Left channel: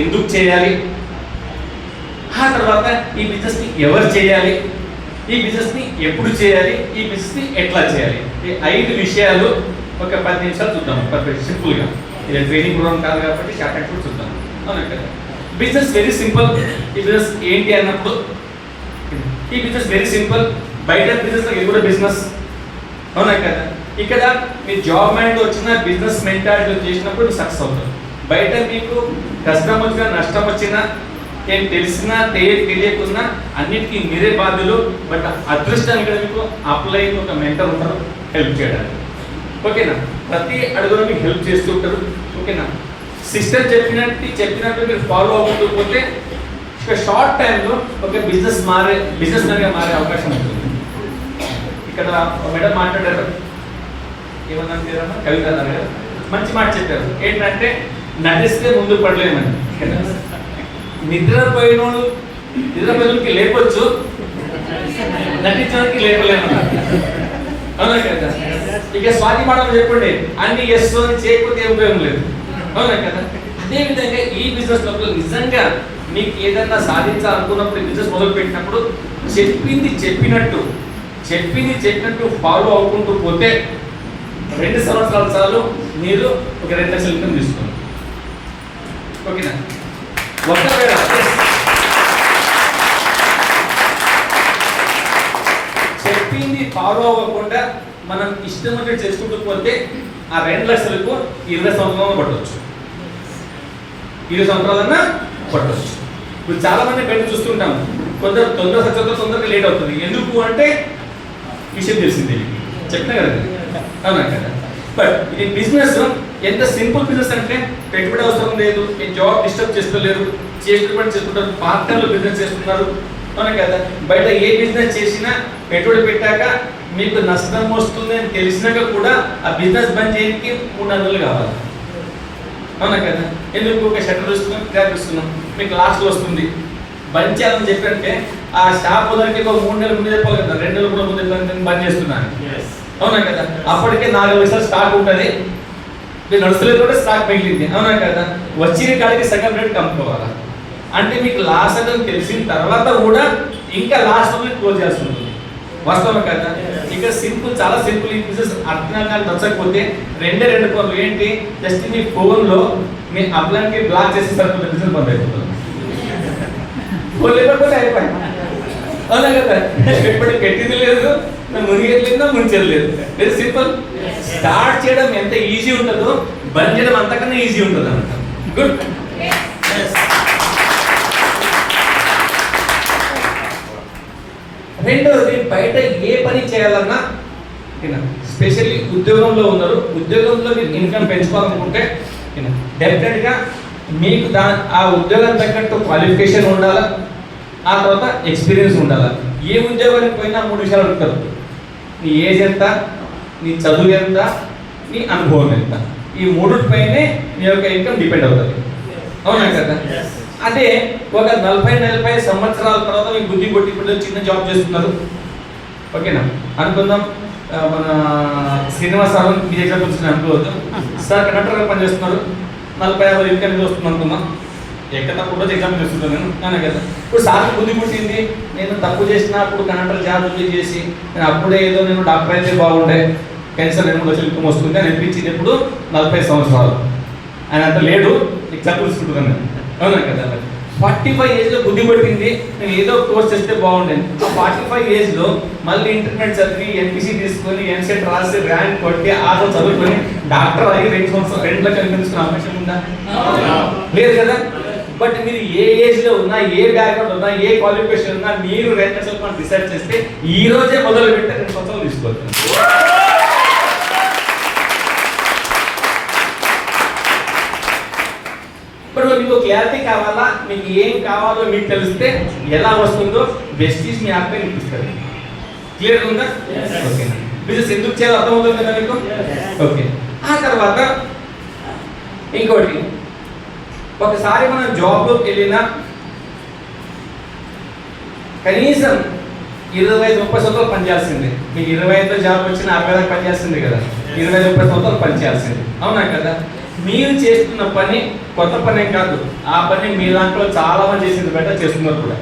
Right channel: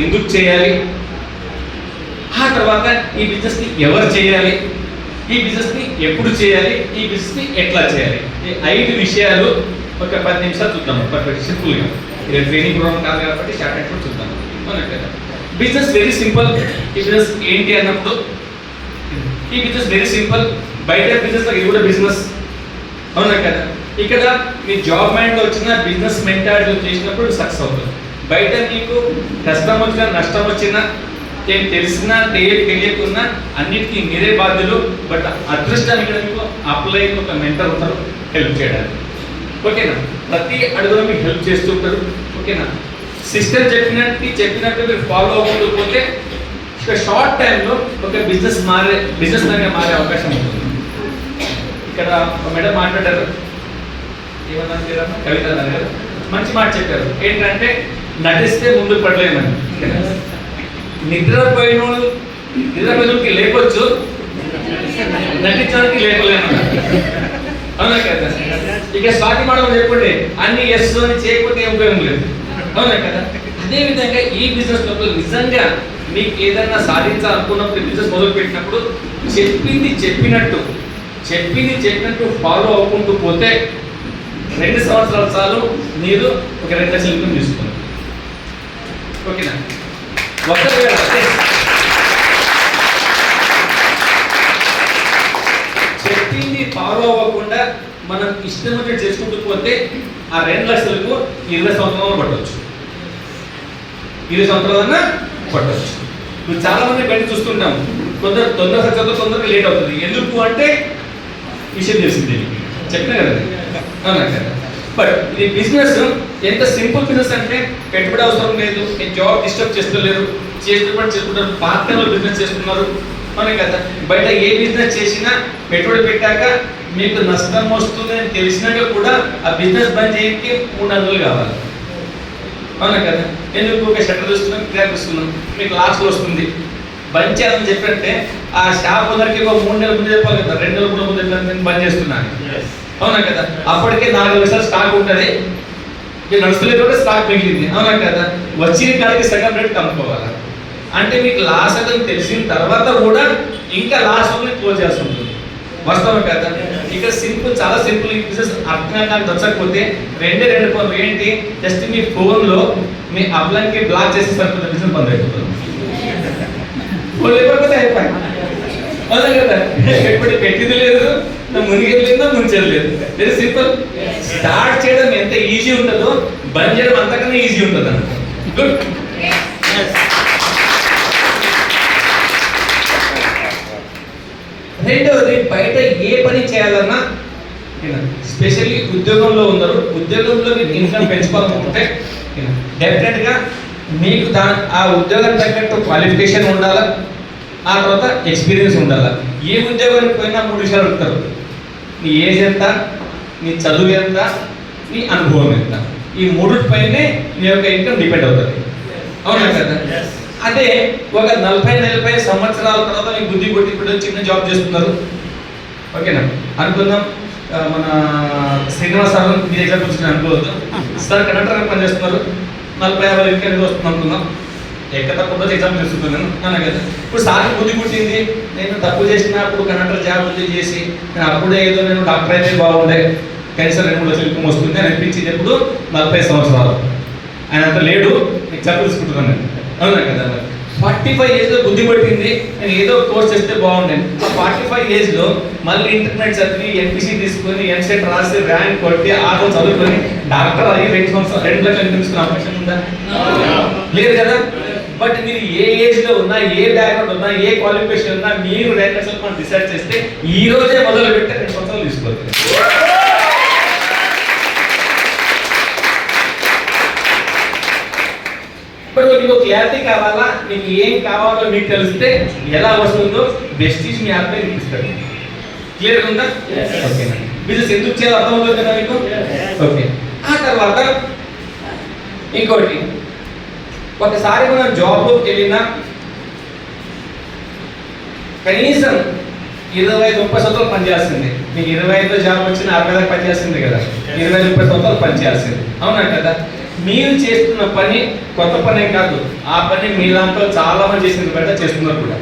ఎందుకు చేయాలి, ఆ తర్వాత ఈ బిజినెస్ని ఎవరు చేయాలి, ఈ బిజినెస్ని ఎప్పుడు చేయాలి, ఈ బిజినెస్ని ఎట్లా చేయాలి, ఈ 5 విషయాలు ఒక 10 నిమిషాలు చూద్దాం. పర్ఫెక్ట్ సింపుల్గా, ఇది ట్రైనింగ్ ప్రోగ్రామ్ కాదు కాబట్టి షార్ట్ అండ్ కూడా చూద్దాం. అవునంటే బిజినెస్ వెరీ సింపుల్. ఈ బిజినెస్ ఏంటి అన్నప్పుడు ఈ బిజినెస్ వెరీ సింపుల్. బయట బిజినెస్ ఇది కూడా బిజినెస్, అవునా కదా. ఇక్కడ మీ జాబ్ మైండ్లో వచ్చిన బిజినెస్ మెంటాలిటీ చేసినప్పుడు సక్సెస్ అవుతుంది. బయట మీకు కష్టం వచ్చినా నష్టం వచ్చినా ఏం తెలిసినా తెలియకున్నా అన్నిటికీ మీరే బాధ్యులు. బట్ అదృష్టానికి మీకు అప్లై ఒక మెంటర్ ఉంటారు హెల్ప్ చేయడానికి. ఓకేనా, ప్రతి అడుగులో మీకు హెల్ప్ చేస్తూ ఉంటారు. ఓకేనా, సిస్టమ్ చెప్పినట్టు మీరు ఫాలో అవ్వకపోతే ఒక షార్ట్ టైంలో ఒక బిజినెస్ మ్యాన్గా మారే అవకాశం ఉంటుంది. ఇక్కడ మేడం మాట్లాడారు, ఏమన్నా కవిత గారు మంచి మాట చెప్పారు. ఏంటంటే నటిస్తే ముందు పడలేమని. నిద్రపోయినకి లేపొచ్చు, నటించడానికి లేపలేమన్నారు. అవునా కదా. ఇక స్వాతి మాట చెప్పండి, అన్ని ఎస్ అని చేయకపోతే ఏం ఉపయోగం లేదు. అవునా కదా. అదేవిధంగా ఈ బిజినెస్ లోపల నిజంగా మీకు ఏదన్నా సాధించాలనుకున్నప్పుడు బిజినెస్ మొదలు పెట్టినప్పుడు చెప్పింది చెప్పినట్టు ఫాలో అవ్వకుంటూ పోతే 2 సంవత్సరాల చాలు మీరు ఒక 2 లక్షల ఇన్కమ్ తీసుకోండి. ఓకేనా. ఒకవేళ చెప్పింది ఫాలో అవ్వకుండా మనం ఇష్టం వచ్చి చేసుకుంటూ పోతే ఆ 2 లక్షలకు 20 సంవత్సరాలు పట్టవచ్చు. 20 సంవత్సరాలన్నా పట్టవచ్చు. ఇప్పుడు చాలా మంది బయట చూస్తుంటాం, కొందరు తొందర సక్సెస్ తొందరగా లేట్ అవుతుంది. ఎందుకు అంటే విషయం తెలిసింది చెప్పినా కదా. అవునా కదా. బట్ ఇది బిజినెస్ ఎంత సింపుల్ బిజినెస్ అంటే పెట్టుబడి అవసరం లేదు, జాబ్ డిస్టర్బ్ చేస్తలేదు, చేసుకుంటారు, పార్ట్నర్లు బిజినెస్ చేస్తున్నారు. అవునా కదా. బయట ఏ బిజినెస్ చేసినా పెట్టుబడి పెట్టాక మీకు నష్టం వస్తుంది అని తెలిసినాక కూడా ఆ బిజినెస్ బంద్ చేయడానికి 3 నెలలు కావాలి. అవునా కదా. ఎందుకు ఒక షట్టర్ చూస్తున్నాం, క్రాక్ ఇస్తున్నాం, మీకు లాస్ట్లో వస్తుంది. బంద్ చేయాలని చెప్పంటే ఆ షాప్ ఓనర్కి ఒక 3 నెలల ముందు చెప్పాలి కదా, 2 నెలల కూడా ముందు నేను బంద్ చేస్తున్నాను. అవునా కదా. అప్పటికే 4 లక్షలు స్టాక్ ఉంటుంది, మీరు నడుస్తులేదు కూడా స్టాక్ మిగిలింది. అవునా కదా. వచ్చిన కాడికి సగం రేట్ కమ్ముకోవాలి. అంటే మీకు లాస్ అని తెలిసిన తర్వాత కూడా ఇంకా లాస్ట్ క్లోజ్ చేస్తుంటుంది. వాస్తవం కదా. ఇక సింపుల్, చాలా సింపుల్. ఈ బిజినెస్ అర్థంగా నచ్చకపోతే 2 పనులు ఏంటి, జస్ట్ మీ ఫోన్లో మీ అప్లైన్కి బ్లాక్ చేసి సరిపోతే బిజినెస్ బంద్ అయిపోతుంది. ఫోన్ లేకపోతే అయిపోయి. అవునా కదా. ఎప్పటి పెట్టింది లేదు, మునిగేది లేదు, ముంచేది లేదు. Very simple. స్టార్ట్ చేయడం ఎంత ఈజీ ఉంటుందో బంద్ చేయడం అంతకన్నా ఈజీ ఉంటుంది అన్నట్టు. గుడ్. రెండవది, బయట ఏ పని చేయాలన్నా, స్పెషల్లీ ఉద్యోగంలో ఉన్నారు, ఉద్యోగంలో మీరు ఇన్కమ్ పెంచుకోవాలనుకుంటే డెఫినెట్గా మీకు ఆ ఉద్యోగం తగ్గట్టు క్వాలిఫికేషన్ ఉండాలా, ఆ తర్వాత ఎక్స్పీరియన్స్ ఉండాలా. ఏ ఉద్యోగానికి పోయినా 3 విషయాలు అడుగుతారు. నీ ఏజ్ ఎంత, నీ చదువు ఎంత, నీ అనుభవం ఎంత. ఈ 3 పైనే మీ యొక్క ఇన్కమ్ డిపెండ్ అవుతుంది. అవునా కదా. అదే ఒక 40 సంవత్సరాల తర్వాత మీకు బుద్ధి కొట్టి ఇప్పుడు చిన్న జాబ్ చేస్తున్నారు. ఓకేనా. అనుకుందాం మన శ్రీనివాస్ సార్ మీ ఎగ్జాంపుల్స్ అనుకోవద్దు. సార్ కండక్టర్గా పనిచేస్తున్నారు, 40-50 ఇన్కమ్ వస్తుంది అనుకుందాం. ఎక్కడ తక్కువ ఎగ్జాంపుల్ చేస్తున్నాను నేను. అవునా కదా. ఇప్పుడు సార్కి బుద్ధి పుట్టింది, నేను తప్పు చేసిన అప్పుడు కండక్టర్ జాబ్ చేసి నేను అప్పుడే ఏదో నేను డాక్టర్ అయితే బాగుండే, కనీసం 2-3 లక్షల ఇన్కమ్ వస్తుంది అని అనిపించింది. ఇప్పుడు 40 సంవత్సరాలు ఆయన అంత లేడు, ఎగ్జాంపుల్ తీసుకుంటున్నాను నేను. అవునా కదా. 45 ఏజ్లో బుద్ధి పట్టింది, నేను ఏదో కోర్స్ చేస్తే బాగుండేది. 45 ఏజ్లో మళ్ళీ ఇంటర్మీడియట్ చదివి ఎంపీసీ తీసుకొని ఎంసెట్ రాసి ర్యాంక్ కొట్టి ఆటో చదువుకొని డాక్టర్ అయ్యి 2 లక్షలు తీసుకునే అవకాశం ఉందా? లేదు కదా. బట్ మీరు ఏ ఏజ్లో ఉన్నా, ఏ బ్యాక్గ్రౌండ్ ఉన్నా, ఏ క్వాలిఫికేషన్ ఉన్నా, మీరు 2 లక్షలు మనం డిసైడ్ చేస్తే ఈ రోజే మొదలు పెడితే 2 సంవత్సరాలు తీసుకోవచ్చు. ఇప్పుడు మీకు క్లారిటీ కావాలా, మీకు ఏం కావాలో మీకు తెలిస్తే ఎలా వస్తుందో బెస్టీస్ మీ యాప్ పైన ఇప్పిస్తారు. క్లియర్ ఉందా? ఓకేనా. బిజినెస్ ఎందుకు చేయాలో అర్థమవుతుంది కదా మీకు. ఓకే. ఆ తర్వాత ఇంకోటి, ఒకసారి మనం జాబ్లోకి వెళ్ళినా కనీసం 25-30 సంవత్సరాలు పనిచేయాల్సింది. మీకు 25 జాబ్ వచ్చిన 60 దాకా పనిచేస్తుంది కదా, 20-30 సంవత్సరాలు పనిచేయాల్సింది. అవునా కదా. మీరు చేస్తున్న పని కొత్త పని కాదు, ఆ పని మీ దాంట్లో చాలా మంది చేసిన బట్ట చేస్తున్నారు కూడా.